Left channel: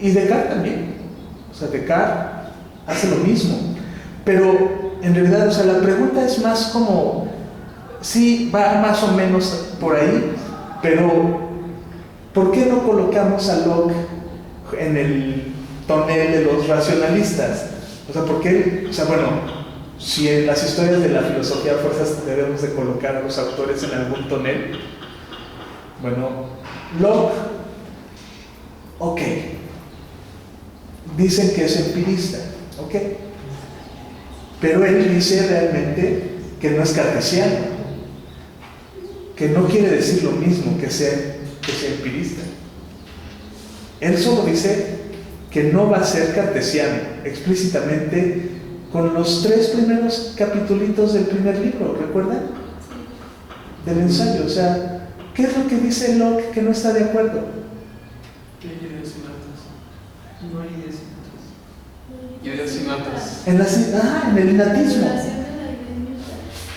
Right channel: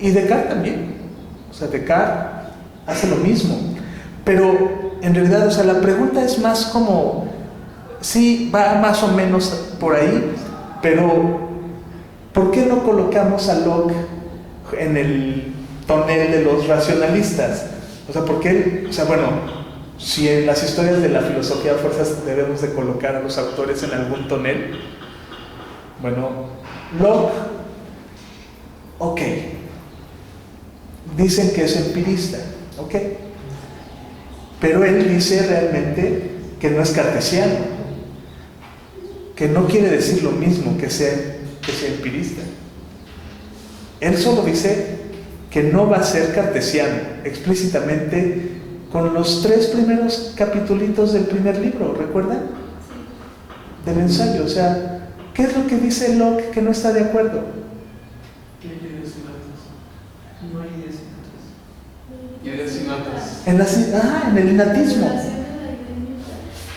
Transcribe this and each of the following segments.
Y Descartes también. O sea, Descartes hace lo mismo. Pero en realidad, o sea, la pregunta es más como, sí, va más o menos por ahí, pero ¿por qué no colocamos a Locke en el tonel de los racionalistas? O sea, ¿por qué? O sea, bueno, si en las historias de la filosofía a fuerzas debemos de colocar a los autores en algún tonel, bueno, Locke, ok, dicen que es empirista, ok, pero él dice realmente que no es cartesiano, que no quiere decir lo mismo que sea empirista. Él solo dice que no va a ser cartesiano, explícitamente con los 3 primeros capitulitos del primer libro, ¿recuerdan? Del ensayo. O sea, ¿qué es lo que dice Locke que no está de acuerdo? ¿Qué hay ideas sin notas? No hay ideas sin notas. Ideas sin notas. En el innatismo.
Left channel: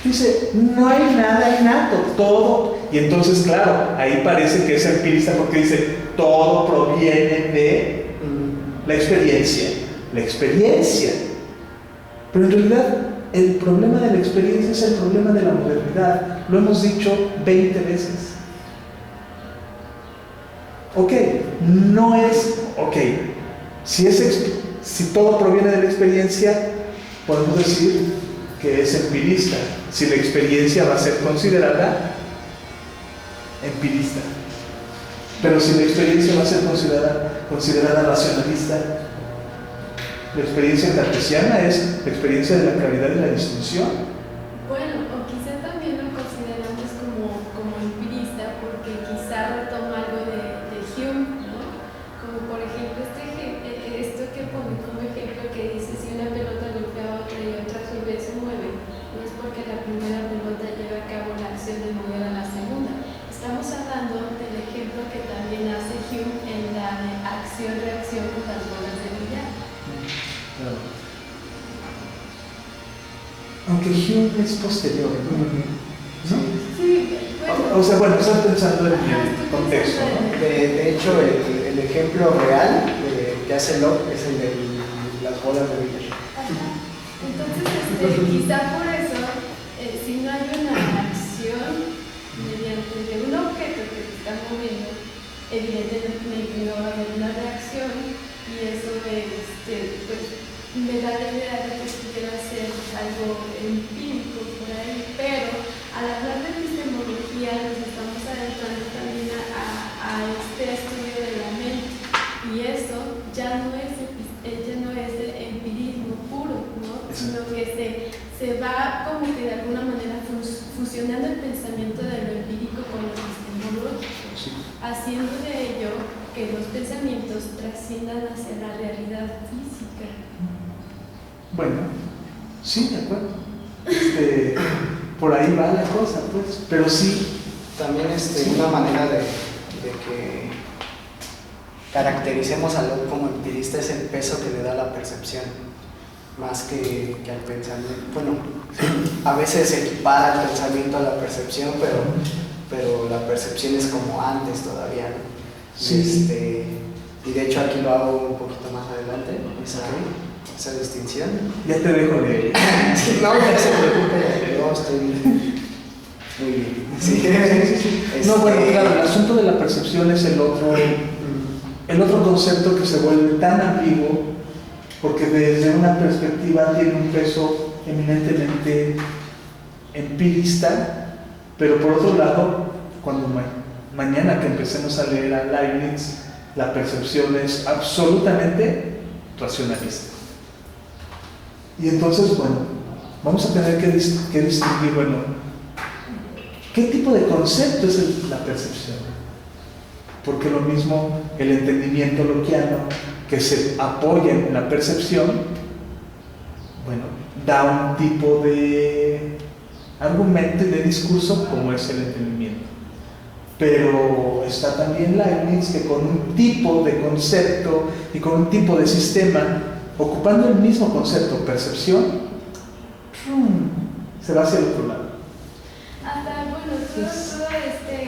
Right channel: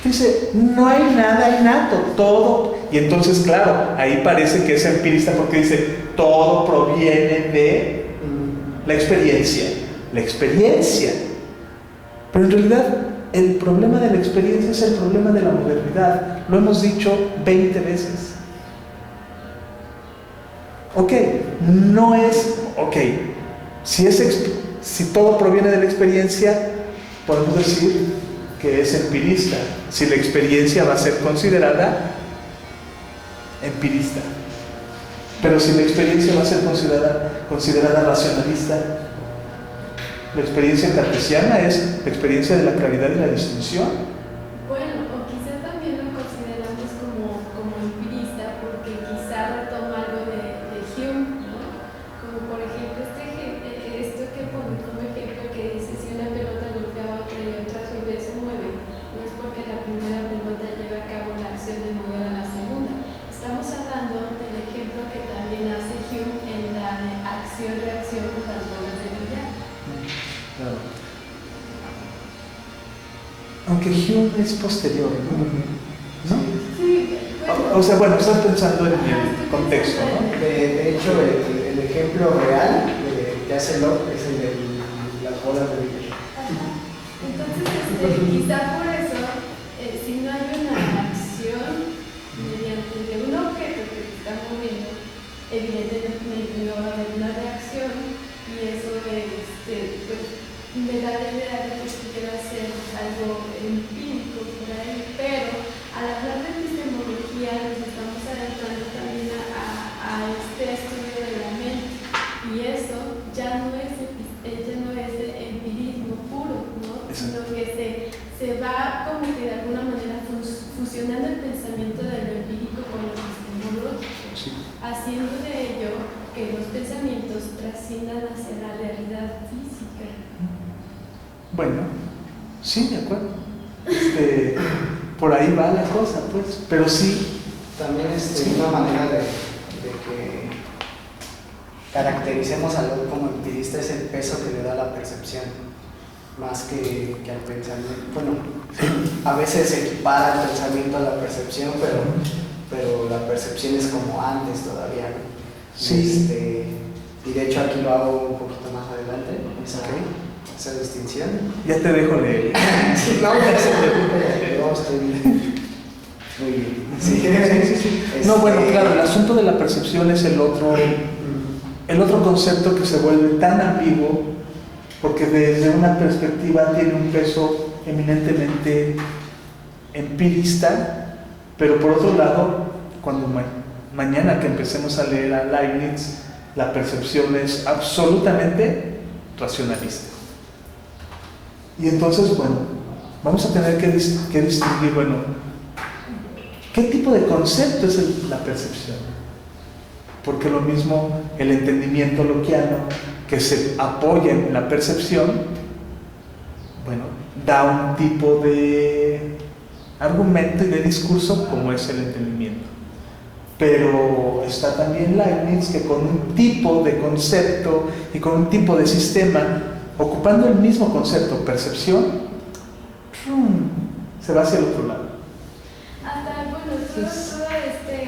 Dice, no hay nada innato, todo. Y entonces, claro, ahí parece que es empirista porque dice, todo proviene de la experiencia. La experiencia. Pero en realidad, el problema de la experiencia es el problema de la modernidad. Lo hemos dicho 20 veces. Ok, no es, ok, si todo proviene de la experiencia, podemos decir que es empirista, si la experiencia va a ser considerada empirista. Pero si la experiencia va a ser considerada racionalista, la experiencia cartesiana es la experiencia de la claridad y la distinción. Bueno, o quizá también lo consideramos como empirista porque quizá retoma algo de Hume, ¿no? Como por ejemplo esto que pone como ejemplo que dice si una pelota golpea a otra y otra a su vez se mueve, no es porque la primera pelota lleva a cabo la acción de mover a la segunda. Estamos hablando del ejemplo que también hace Hume en la de acción-reacción con las bolas de billar. Claro. Aunque Hume es posterior, ¿no? Sí, bueno. O sea, bueno, estás pensando en el contexto, ¿no? De hecho, el ejemplo real que hace Locke es el de las bolas de billar. Entonces, quizá por eso, si no hay una acción mediante de un objeto que se está moviendo, evidentemente no va a haber una reacción y eso pues, me da la idea de que pudiera ser algo empírico por ahí, pero al hablar de epistemología nos estamos adentrando también a este estudio de la mente y eso ya no es empirismo puro, ¿no? Sino que se va como que de alguna manera fusionando el pensamiento de lo empírico con lo epistemológico, haciendo de ello que los pensamientos trasciendan hacia la realidad física. Bueno, sí, de acuerdo. Por ahí va la cosa, pues. Pero sí. También una manera de que caractericemos a Locke como empirista es el peso que le da a la percepción, más que al pensamiento. Bueno, a veces se equipara el pensamiento a la percepción, pero la percepción es como antes todavía, ¿no? Sí. Y de hecho aquí lo hago un poquito más adelante, esa distinción. Ya te dejo de... No, no se preocupe, yo estoy muy bien. Sí. No, bueno, claro, el asunto de la percepción es el otro concepto que se vuelve tan ambiguo porque desde una perspectiva tiene un peso eminentemente empirista, pero por otro lado, cuando mañana que empecemos a leer a Leibniz, la percepción es absolutamente racionalista. Y entonces, bueno, vamos a tener que distinguir, bueno, ¿qué tipo de concepto es la percepción? Porque lo mismo el entendimiento lockeano, que se apoya en la percepción, bueno, da un tipo de argumento y de discurso como es el entendimiento. Pero está también Leibniz, que con un tipo de concepto y con un tipo de sistema, ocupando el mismo concepto, percepción, se va hacia el otro lado. Hasta, bueno, todo este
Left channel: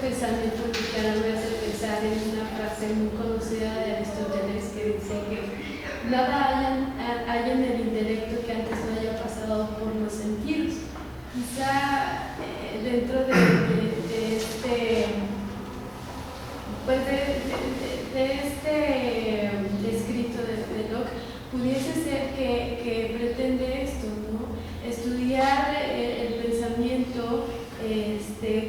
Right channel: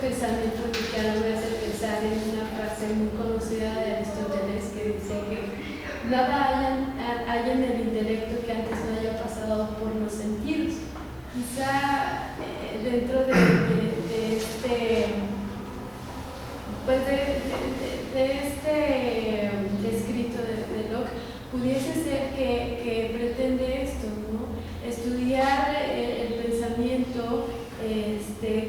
pensamiento que me hace pensar en una frase muy conocida filosofía de Aristóteles, que dice que nada hay en el intelecto que antes no haya pasado por los sentidos. Quizá dentro de este, pues de este escrito de Locke, pudiese ser que pretende esto, ¿no? Estudiar el pensamiento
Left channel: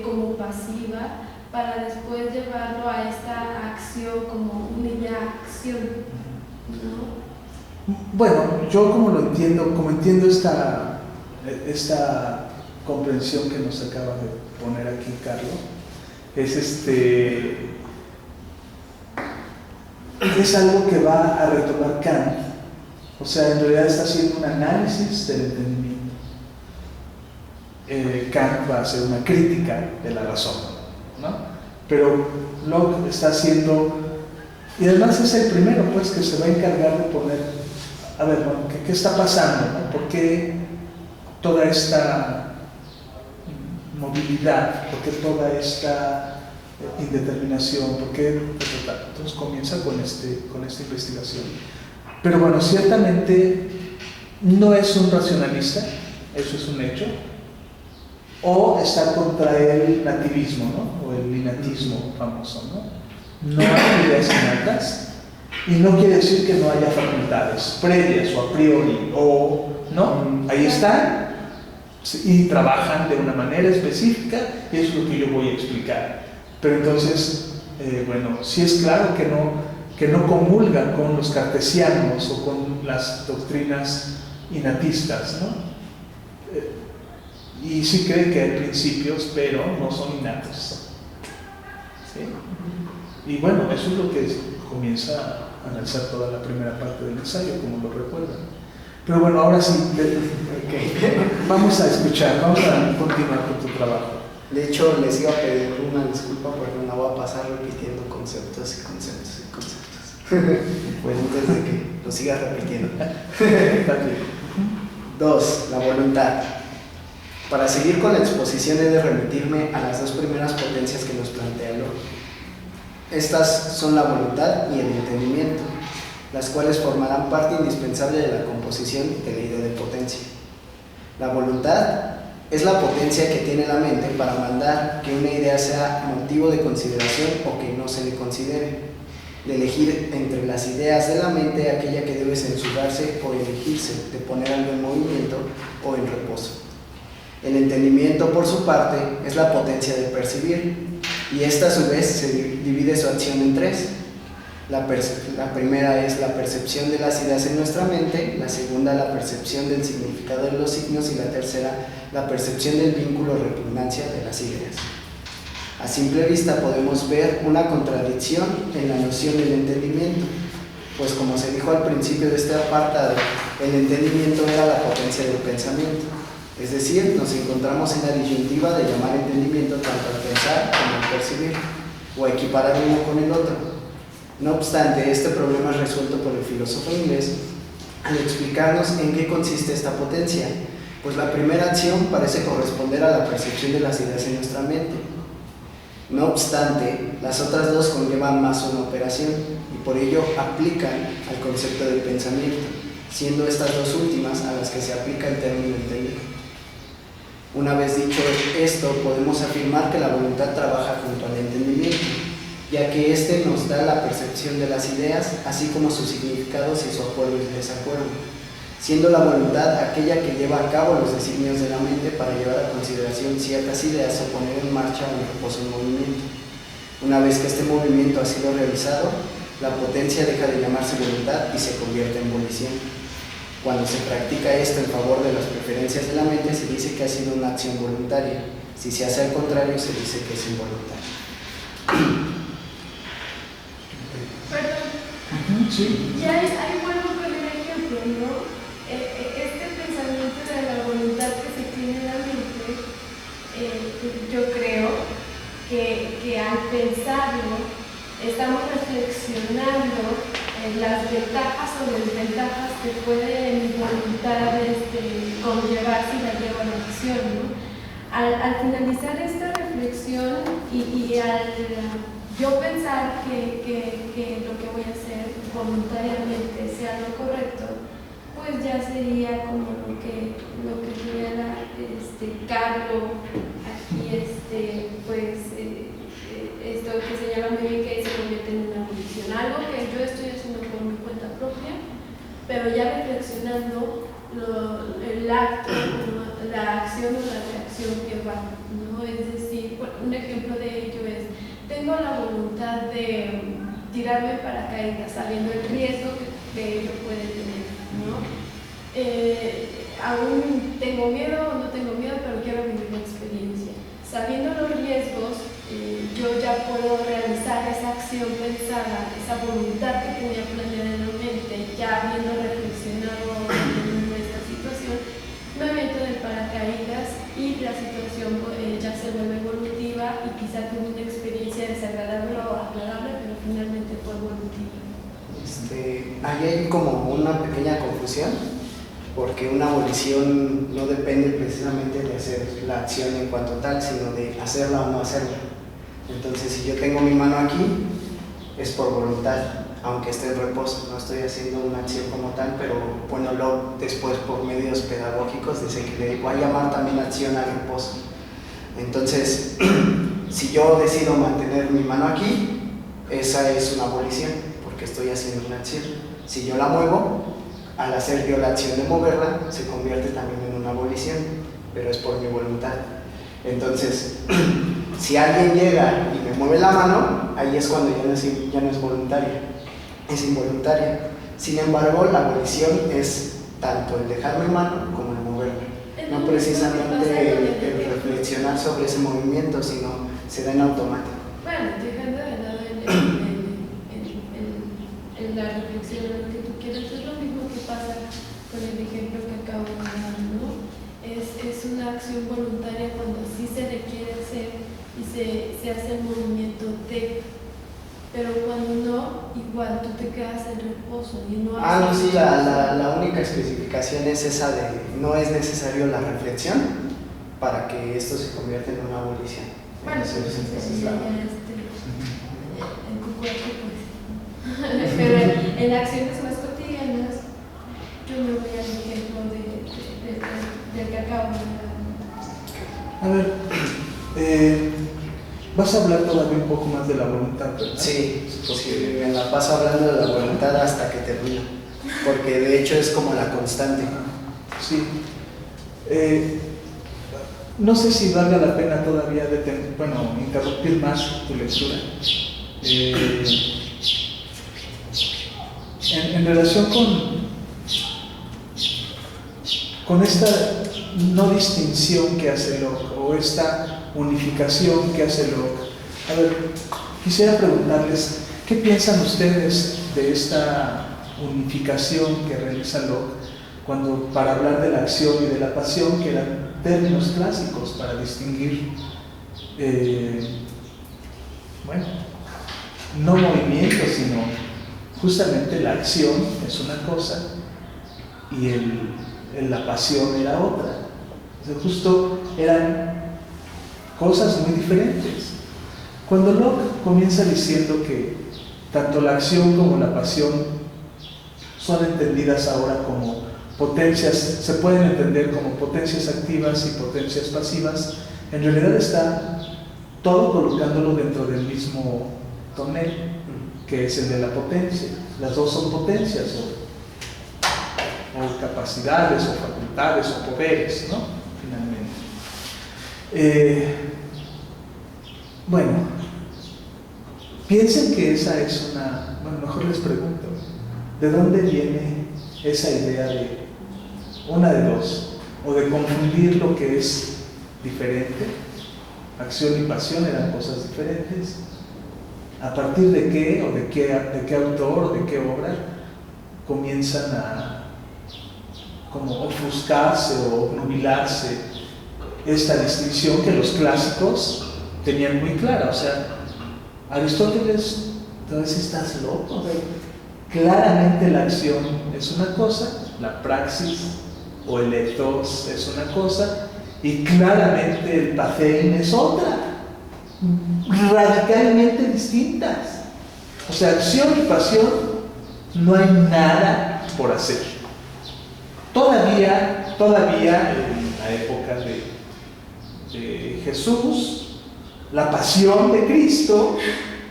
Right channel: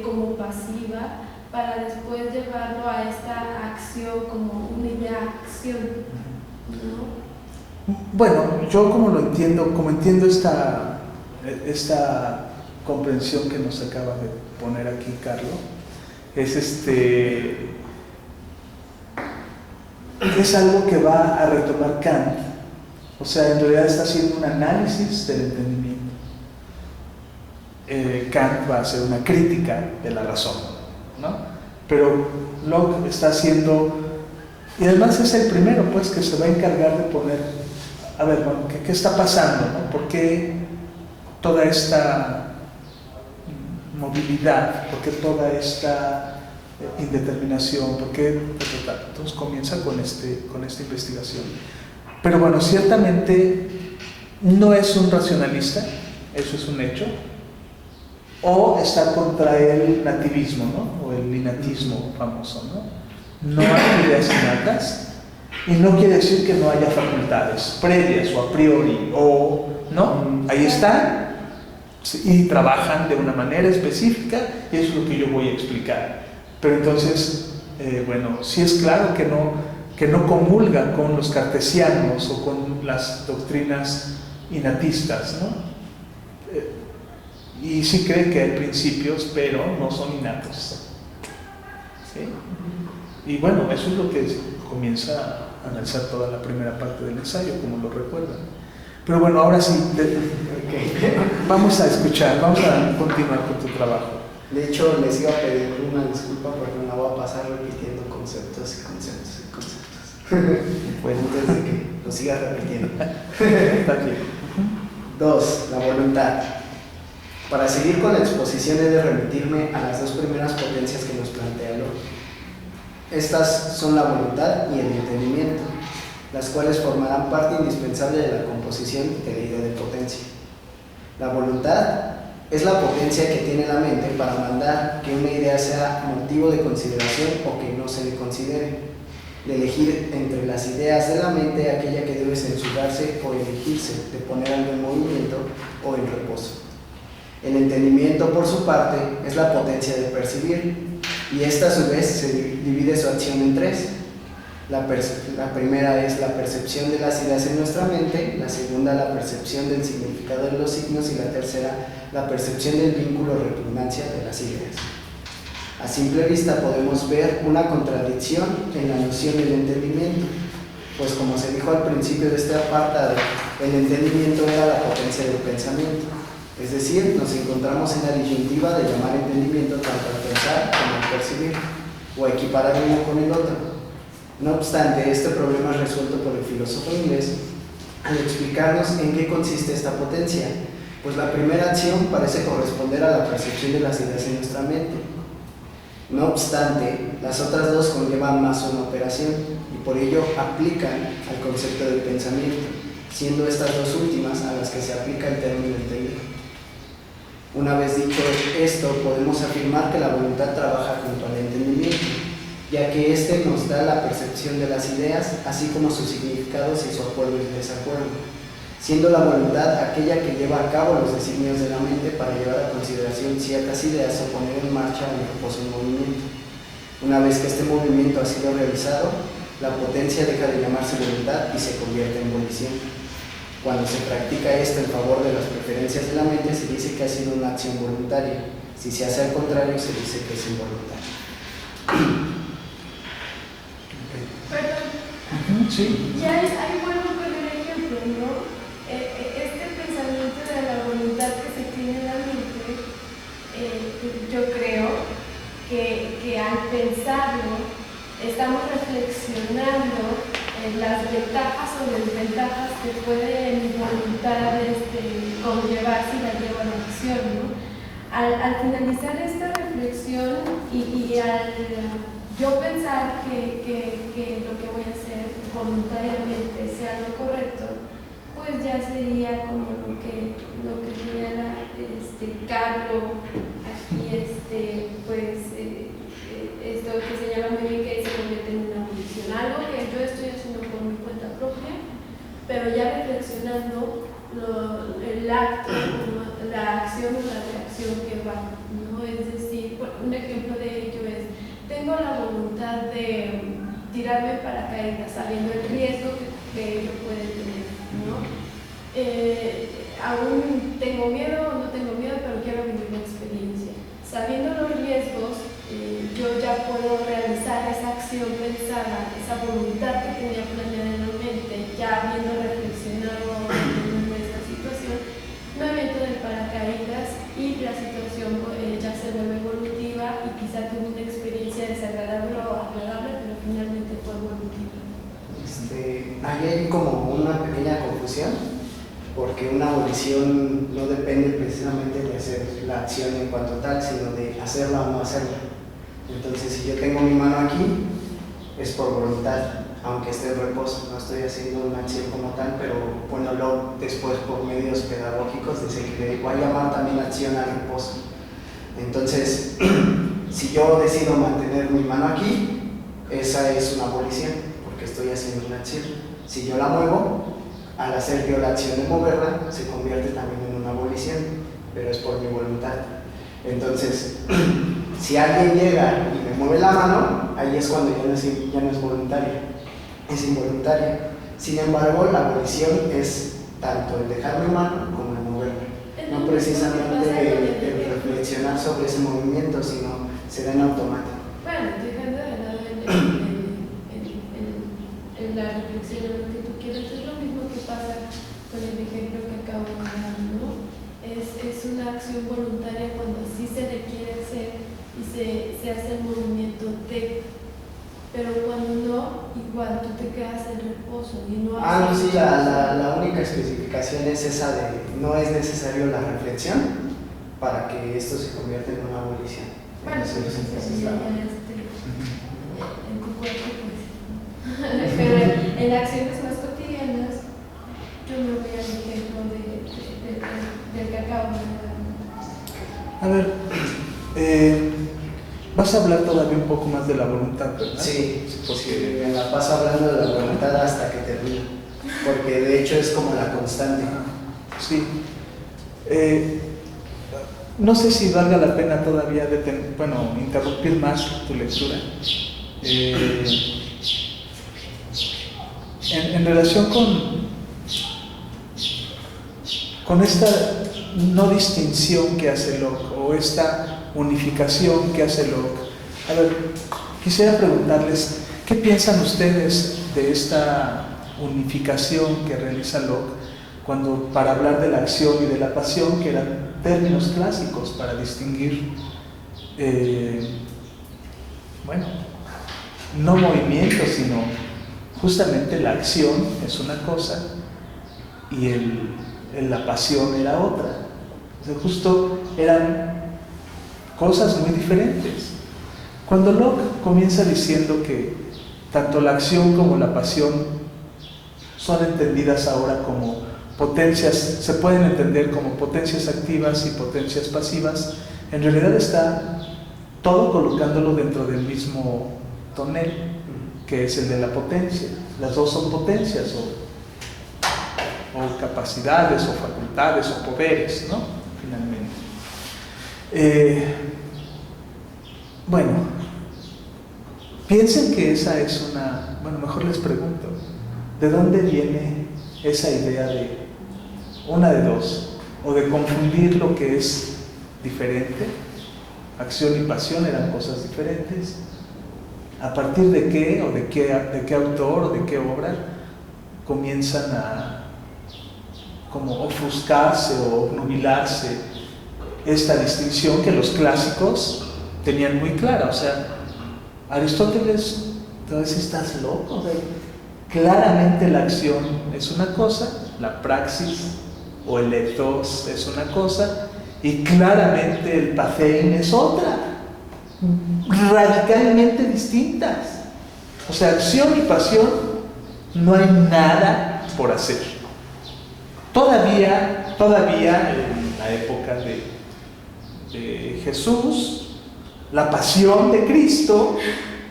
como pasiva para después llevarlo a esta acción como una acción, ¿no? Bueno, yo como entiendo esta comprensión que nos acaba de poner aquí Carlos, es algo que va a retomar Kant. O sea, en realidad está haciendo un análisis del entendimiento. Kant va a hacer una crítica de la razón, ¿no? Pero Locke está haciendo, y además es el primero, pues, que se va a encargar de poner, a ver, bueno, ¿qué está pasando, no? ¿Por qué toda esta movilidad? ¿Por qué toda esta indeterminación? ¿Por qué? Entonces comienza con esta investigación. Pero bueno, ciertamente no es un racionalista, eso es un hecho, o está contra el nativismo, ¿no? O el innatismo famoso, ¿no? No hay ideas innatas, y no quiere decir que no haya facultades previas o a priori, o no, ahí están y trabajan de una manera específica, y eso es lo que yo voy a explicar. Pero entonces, bueno, sí es claro que no comulgan con los cartesianos o con las doctrinas innatistas, ¿no? Y sí cree que hay principios, pero no son innatos, ¿sí? Y bueno, eso es lo que comienza a analizar toda la primera parte del ensayo, como lo recuerdan. Pero bueno, ahora sí, vamos a escuchar, vamos a continuar con tu trabajo. De hecho, les iba a pedir una disculpa porque me la voy a pasar repitiendo conceptos y conceptos y conceptos. Bueno, antes de que lo siga repitiendo. 2. La voluntad. Para seguir con la exposición he de remitirme a las dos primeras potencias que nos plantea Locke. Estas son la voluntad y el entendimiento, las cuales formarán parte indispensable de la composición de la idea de potencia. La voluntad es la potencia que tiene la mente para mandar que una idea sea motivo de consideración o que no se le considere, de elegir entre las ideas de la mente aquella que debe censurarse o elegirse, de poner algo en movimiento o en reposo. El entendimiento, por su parte, es la potencia de percibir, y esta a su vez se divide su acción en tres. La primera es la percepción de las ideas en nuestra mente, la segunda la percepción del significado de los signos y la tercera la percepción del vínculo o repugnancia de las ideas. A simple vista podemos ver una contradicción en la noción del entendimiento, pues como se dijo al principio de este apartado, el entendimiento era la potencia del pensamiento. Es decir, nos encontramos en la disyuntiva de llamar entendimiento tanto al pensar como al percibir, o equiparar uno con el otro. No obstante, este problema es resuelto por el filósofo inglés al explicarnos en qué consiste esta potencia, pues la primera acción parece corresponder a la percepción de las ideas en nuestra mente. No obstante, las otras dos conllevan más una operación y por ello aplican al concepto del pensamiento, siendo estas dos últimas a las que se aplica el término técnico. Una vez dicho esto, podemos afirmar que la voluntad trabaja junto al entendimiento, ya que éste nos da la percepción de las ideas, así como sus significados y su acuerdo y desacuerdo, siendo la voluntad aquella que lleva a cabo los designios de la mente para llevar a consideración ciertas ideas o poner en marcha un reposo en movimiento. Una vez que este movimiento ha sido realizado, la potencia deja de llamarse voluntad y se convierte en volición. Cuando se practica esto en favor de las preferencias de la mente, se dice que ha sido una acción voluntaria. Si se hace al contrario, se dice que es involuntaria. Perdón. Sí. Ya ahí vuelvo con el ejemplo, ¿no? Este pensamiento de la voluntad que se tiene en la mente, yo creo que al pensarlo, estamos reflexionando en las ventajas o desventajas que puede mi voluntad conllevar si la llevo a la acción, ¿no? Al finalizar esta reflexión y al yo pensar que lo que voy a hacer voluntariamente sea lo correcto, pues ya sería como lo que señala Carlo aquí, pues esto que señala muy bien, que se convierte en una abolición, algo que yo estoy haciendo por mi cuenta propia, pero ya reflexionando el acto, la acción o la reacción que va, ¿no? Es decir, bueno, un ejemplo de ello es, tengo la voluntad de tirarme en paracaídas sabiendo el riesgo que ello puede tener, ¿no? Aún tengo miedo o no tengo miedo, pero quiero vivir la experiencia. Sabiendo los riesgos, yo ya puedo realizar esa acción pensada, esa voluntad que tenía planeada en la mente, ya habiendo reflexionado en esta situación, me aviento de paracaídas y la situación ya se vuelve evolutiva y quizá tuve una experiencia desagradable o agradable, pero finalmente fue evolutiva. Ahí hay como una pequeña confusión, porque una abolición no depende precisamente de hacer la acción en cuanto tal, sino de hacerla o no hacerla. Entonces, si yo tengo mi mano aquí, es por voluntad, aunque esté en reposo, no estoy haciendo una acción como tal, pero bueno, luego después por medios pedagógicos se le va a llamar también acción al reposo. Entonces, si yo decido mantener mi mano aquí, esa es una abolición, porque estoy haciendo una acción. Si yo la muevo, al hacer yo la acción de moverla, se convierte también en una abolición, pero es por mi voluntad. Entonces, si alguien llega y me mueve la mano, ahí es cuando ya no es voluntaria, es involuntaria. Sin embargo, la abolición es tanto el dejar mi mano como el moverla. No precisamente el reflexionar sobre ese movimiento, sino se da en automático. Bueno, dejando de lado en la reflexión de lo que tú quieres, es lo mismo que pasa con el ejemplo que acabo de dar, ¿no? Es una acción voluntaria cuando sí se requiere hacer y se hace el movimiento de, pero cuando no, igual tú te quedas en reposo y no haces. No, sí, la única especificación es esa de no es necesario la reflexión para que esto se convierta en una abolición. Bueno, Entonces, ya en tu cuerpo, pues. Pero en acciones más cotidianas, yo me voy al ejemplo del que acabo de dar. A ver, vas a hablar todavía un poco más de la voluntad, ¿verdad? Sí, porque me la paso hablando de la voluntad hasta que termino, porque de hecho es como la constante. Sí. No sé si valga la pena todavía interrumpir más tu lectura. En relación con esta no distinción que hace Locke o esta unificación que hace Locke. A ver, quisiera preguntarles, ¿qué piensan ustedes de esta unificación que realiza Locke cuando, para hablar de la acción y de la pasión, que eran términos clásicos para distinguir, no movimiento, sino justamente la acción es una cosa y la pasión era otra? O sea, justo eran cosas muy diferentes. Cuando Locke comienza diciendo que tanto la acción como la pasión son entendidas ahora como potencias, se pueden entender como potencias activas y potencias pasivas, en realidad está todo colocándolo dentro del mismo tonel, que es el de la potencia. Las dos son potencias, o capacidades, o facultades, o poderes, ¿no? Finalmente. Piensen que esa es mejor les pregunto, ¿de dónde viene esa idea de una de dos, o de confundir lo que es diferente? Acción y pasión eran cosas diferentes. ¿A partir de qué, o de qué autor, o de qué obra comienzan a como ofuscarse o obnubilarse esta distinción que los clásicos tenían muy clara? O sea, Aristóteles, entonces estás loco, claramente la acción es una cosa, la praxis o el ethos es una cosa, y claramente el pathein es otra. radicalmente distintas. O sea, acción y pasión, no hay nada por hacer. Todavía en la época de Jesús, la pasión de Cristo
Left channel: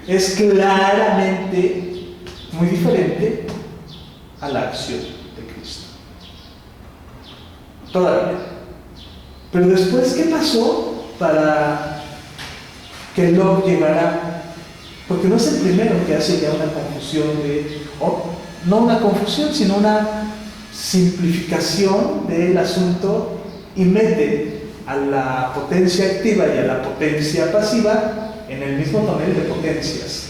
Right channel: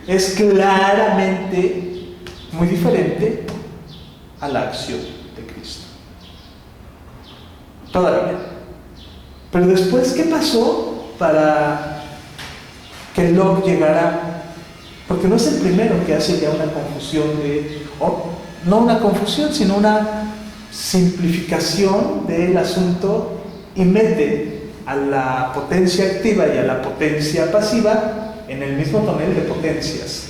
es claramente muy diferente a la acción de Cristo. Todavía. Pero después, ¿qué pasó para que Locke llegara? Porque no es el primero que hace ya una confusión no una confusión, sino una simplificación del asunto y mete a la potencia activa y a la potencia pasiva en el mismo tonel de potencias.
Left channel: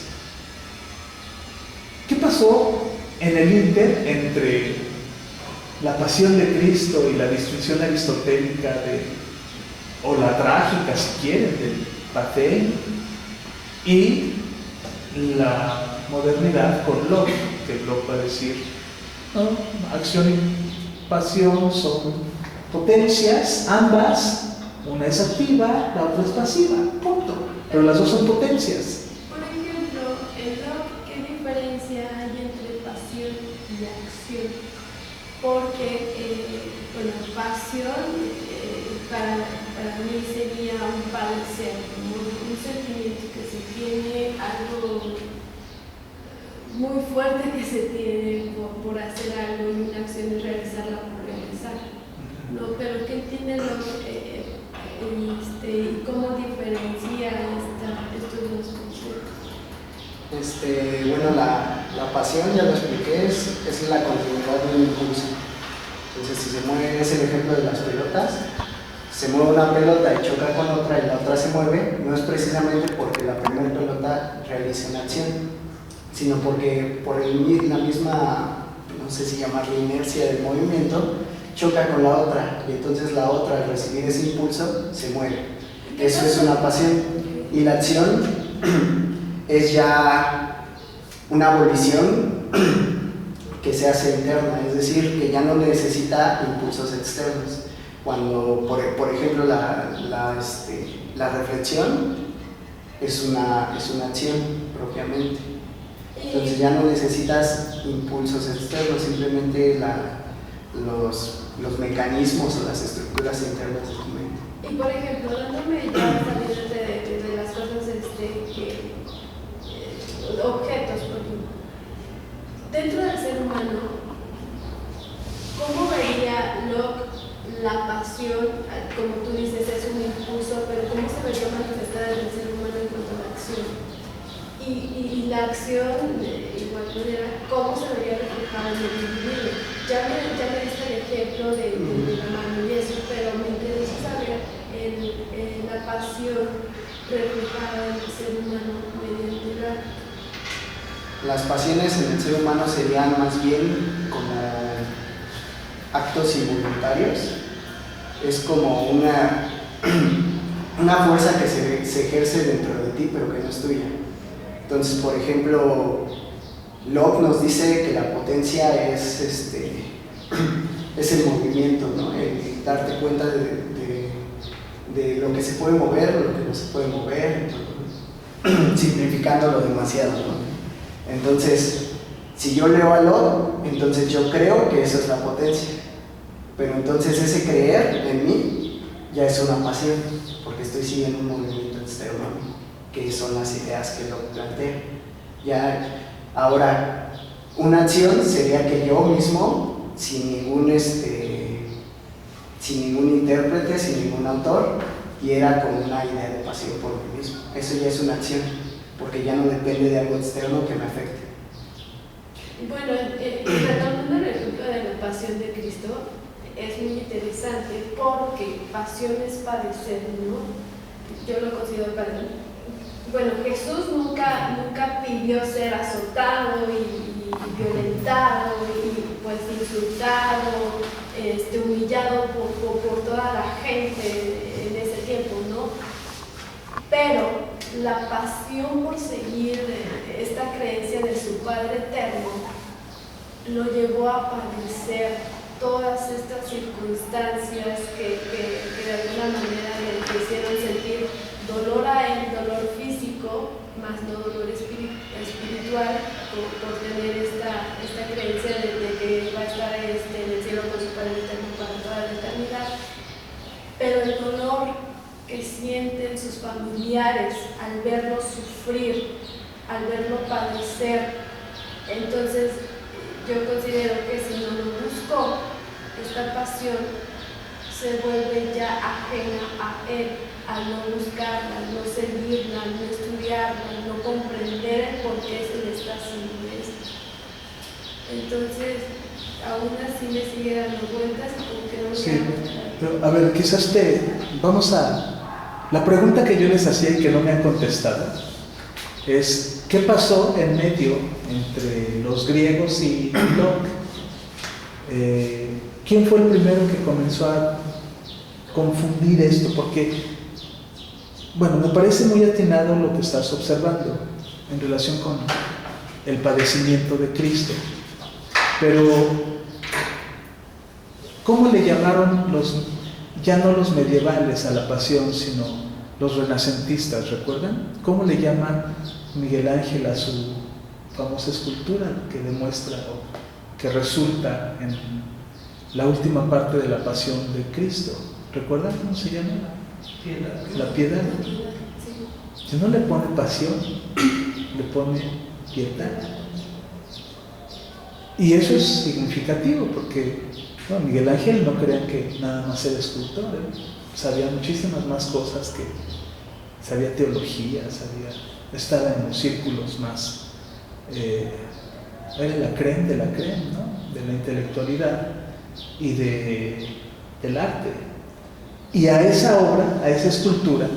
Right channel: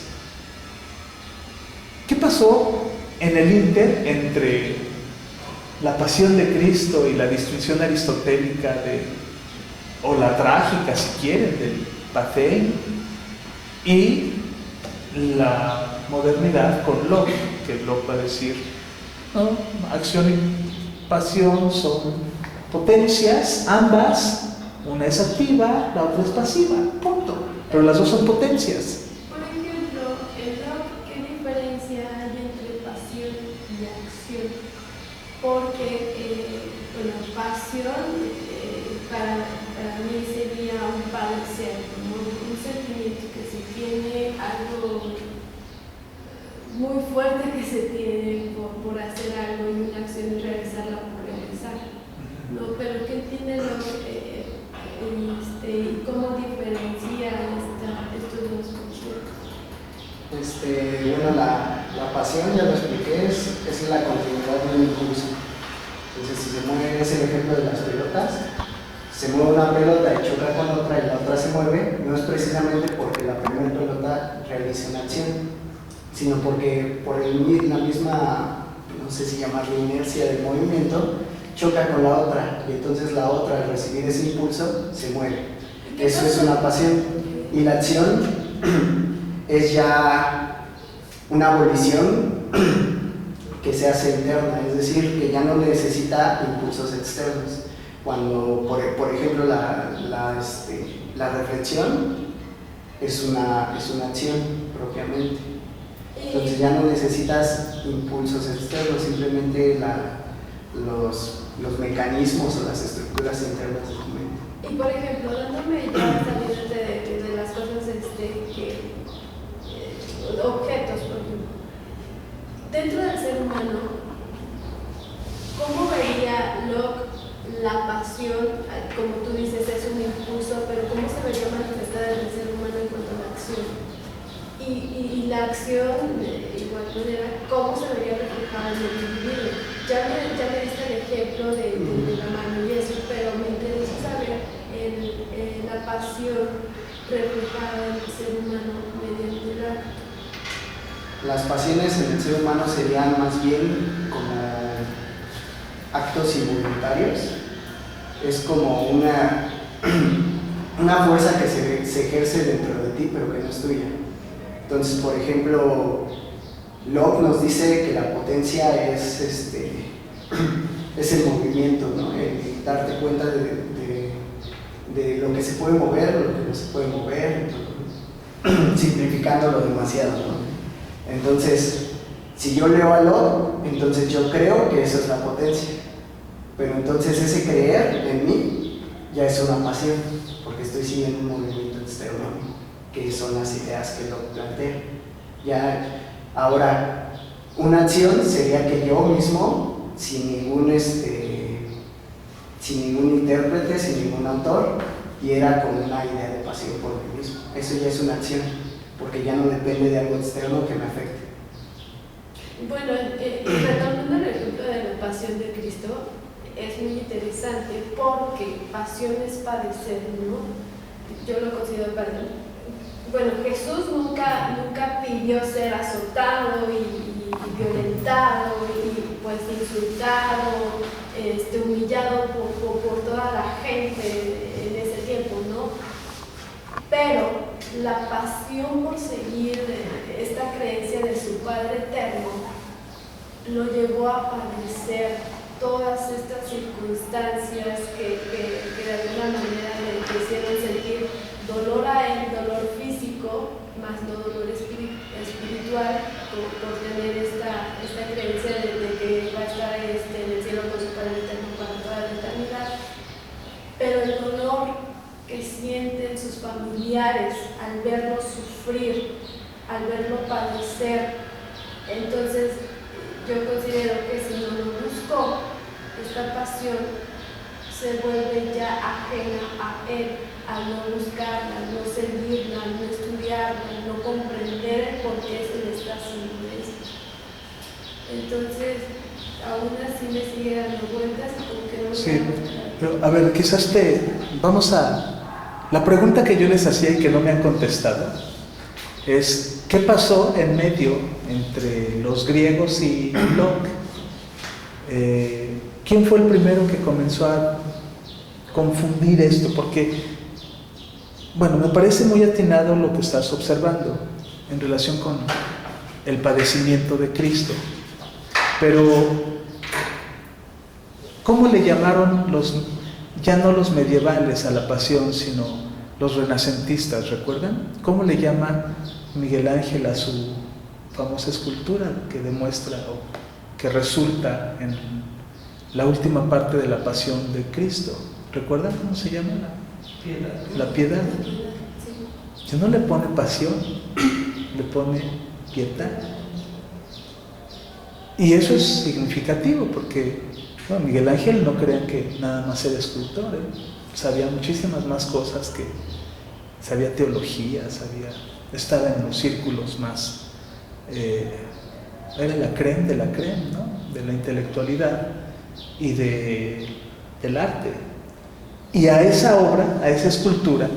¿Qué pasó en el ínter entre la pasión de Cristo y la distinción aristotélica o la trágica, si quieren, del Pathé, y la modernidad con Locke, que Locke va a decir, no, acción y pasión son potencias, ambas, una es activa, la otra es pasiva, punto, pero las dos son potencias. Por ejemplo, en Locke, ¿qué diferencia hay entre pasión y acción? Porque, pasión para mí sería un padecer, como un sentimiento que se tiene, algo muy fuerte que se tiene por hacer algo, y una acción es realizarla por realizar, ¿no? Pero ¿qué entiende Locke? ¿Y cómo diferencia estos dos conceptos? Bueno, la pasión, ya lo expliqué, es la continuidad de un impulso. Entonces, si se mueve, es el ejemplo de las pelotas, se mueve una pelota y choca con otra y la otra se mueve, no es precisamente porque la primera pelota realice una acción, sino porque por la misma, no sé si llamarle inercia del movimiento, choca con la otra, y entonces la otra, al recibir ese impulso, se mueve. Eso es una pasión. Y la acción es ya una abolición que se hace interna, es decir, que ya no necesita impulsos externos. Cuando, por ejemplo, la reflexión es una acción propiamente. Entonces ya no necesitas impulsos externos, simplemente los mecanismos o las estructuras internas de tu mente. Y por ejemplo, dándome ya saliendo de las cosas objetos, por ejemplo, dentro del ser humano, ¿cómo vería Locke la pasión? Como tú dices, es un impulso, pero ¿cómo se vería manifestada en el ser humano en cuanto a la acción? Y la acción, de igual manera, ¿cómo se vería reflejada en el individuo? Ya me diste el ejemplo de la mano y eso, pero me interesa saber la pasión reflejada en el ser humano mediante el arte. Las pasiones en el ser humano serían más bien como actos involuntarios. Es como una fuerza que se ejerce dentro de ti, pero que no es tuya. Entonces, por ejemplo, Locke nos dice que la potencia es el movimiento, ¿no? El darte cuenta de lo que se puede mover, lo que no se puede mover, simplificándolo demasiado, ¿no? Entonces, si yo leo a Locke, entonces yo creo que eso es la potencia, pero entonces ese creer en mí ya es una pasión, porque estoy siguiendo un movimiento externo a mí, que son las ideas que Locke plantea. Ya, ahora, una acción sería que yo mismo, sin ningún intérprete, sin ningún autor, diera con una idea de pasión por mí mismo. Eso ya es una acción, porque ya no depende de algo externo que me afecte. Bueno, retomando el ejemplo de la pasión de Cristo, es muy interesante porque pasión es padecer, ¿no? Yo lo considero padecer. Bueno, Jesús nunca pidió ser azotado y violentado y pues insultado, humillado por toda la gente en ese tiempo, ¿no? Pero la pasión por seguir esta creencia de su Padre Eterno lo llevó a padecer todas estas circunstancias que de alguna manera le hicieron sentir dolor a él, dolor físico, físico, más no dolor espiritual, por tener esta creencia de que va a estar en el cielo con su Padre Eterno para toda la eternidad. Pero el dolor que sienten sus familiares al verlo sufrir, al verlo padecer, entonces yo considero que si no lo buscó, esta pasión se vuelve ya ajena a él, al no buscarla, al no seguirla, al no estudiarla, al no comprender el por qué se le está haciendo esto. Entonces, aún así me sigue dando vueltas y como que no me Sí, da. pero a ver, quizás vamos a... La pregunta que yo les hacía y que no me han contestado es, ¿qué pasó en medio entre los griegos y Locke? ¿Quién fue el primero que comenzó a confundir esto? Porque, bueno, me parece muy atinado lo que estás observando en relación con el padecimiento de Cristo. Pero, ¿cómo le llamaron ya no los medievales a la pasión, sino los renacentistas, recuerdan? ¿Cómo le llama Miguel Ángel a su famosa escultura que demuestra o que resulta en la última parte de la pasión de Cristo? ¿Recuerdan cómo se llama? La piedad. Si no le pone pasión, le pone piedad. Y eso es significativo porque Miguel Ángel, no crean que nada más era escultor, sabía muchísimas más cosas, sabía teología, estaba en los círculos más, era la crème de la crème, ¿no? De la intelectualidad y del arte. Y a esa obra, a esa escultura,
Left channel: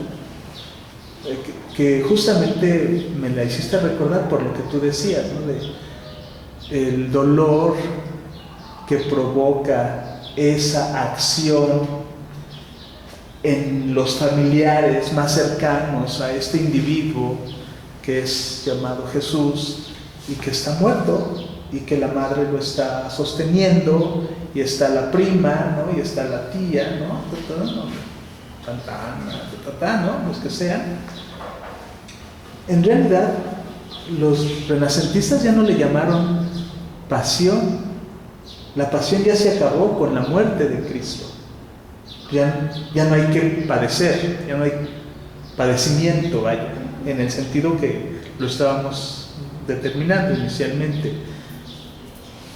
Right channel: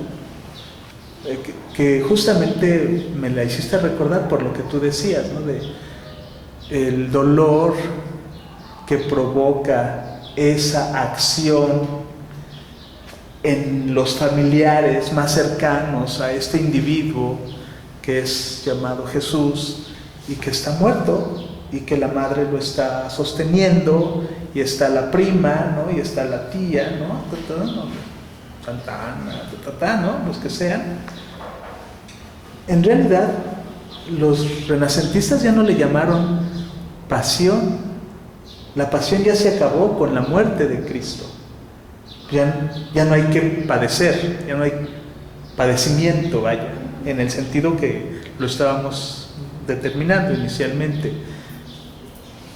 que justamente me la hiciste recordar por lo que tú decías, ¿no? De el dolor que provoca esa acción en los familiares más cercanos a este individuo que es llamado Jesús y que está muerto y que la madre lo está sosteniendo y está la prima, ¿no? Y está la tía, ¿no? Santana, ¿no? Los que sean. En realidad, los renacentistas ya no le llamaron pasión. La pasión ya se acabó con la muerte de Cristo. Ya no hay que padecer, ya no hay padecimiento, vaya, en el sentido que lo estábamos determinando inicialmente.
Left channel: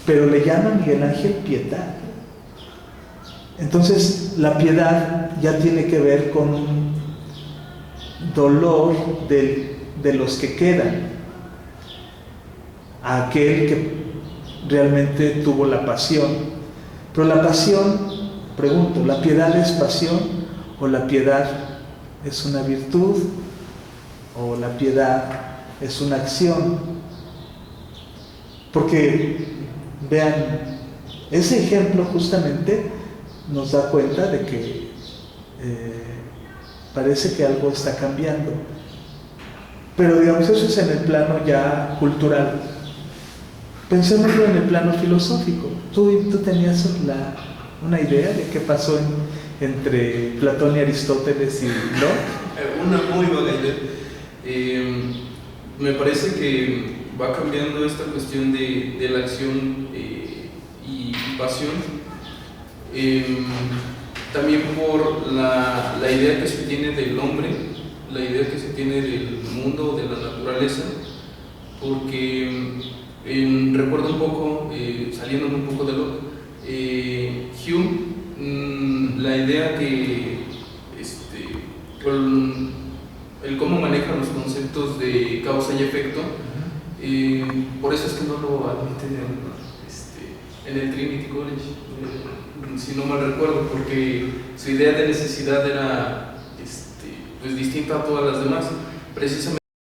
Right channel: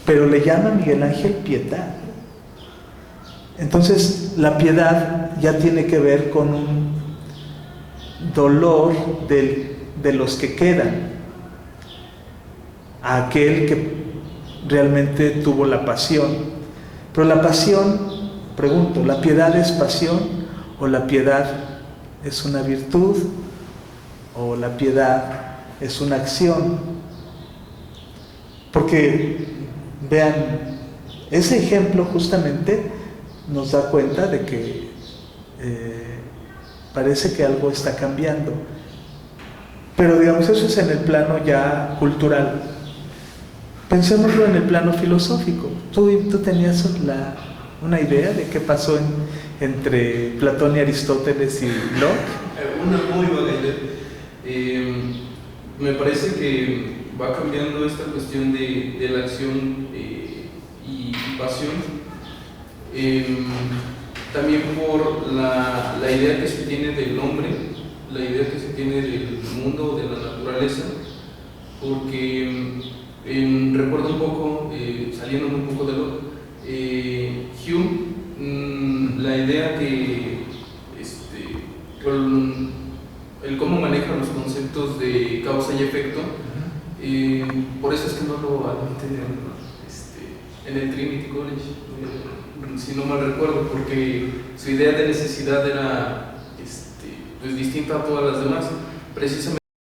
Pero le llama Miguel Ángel piedad. Entonces, la piedad ya tiene que ver con un dolor de los que quedan, a aquel que realmente tuvo la pasión. Pero la pasión, pregunto, ¿la piedad es pasión o la piedad es una virtud o la piedad es una acción? Porque vean, ese ejemplo justamente nos da cuenta de que parece que algo está cambiando. Pero digamos, eso es en el plano ya cultural. Pensémoslo en el plano filosófico. ¿Tú tenías una idea de qué pasó entre Platón y Aristóteles y Locke? Una muy vaga idea. Me parece que va cambiando esta cuestión de la acción y pasión. También por la idea que se tiene del hombre, la idea que se tiene del mundo, de la naturaleza, porque recuerdo un poco, saliendo un poco de Locke, Hume, la idea que el cómo maneja los conceptos de causa y efecto, por eso es que no lo admiten en el Trinity College, si no mal recuerdo, porque su idea de necesidad era pues distinta a todas las demás, precisamente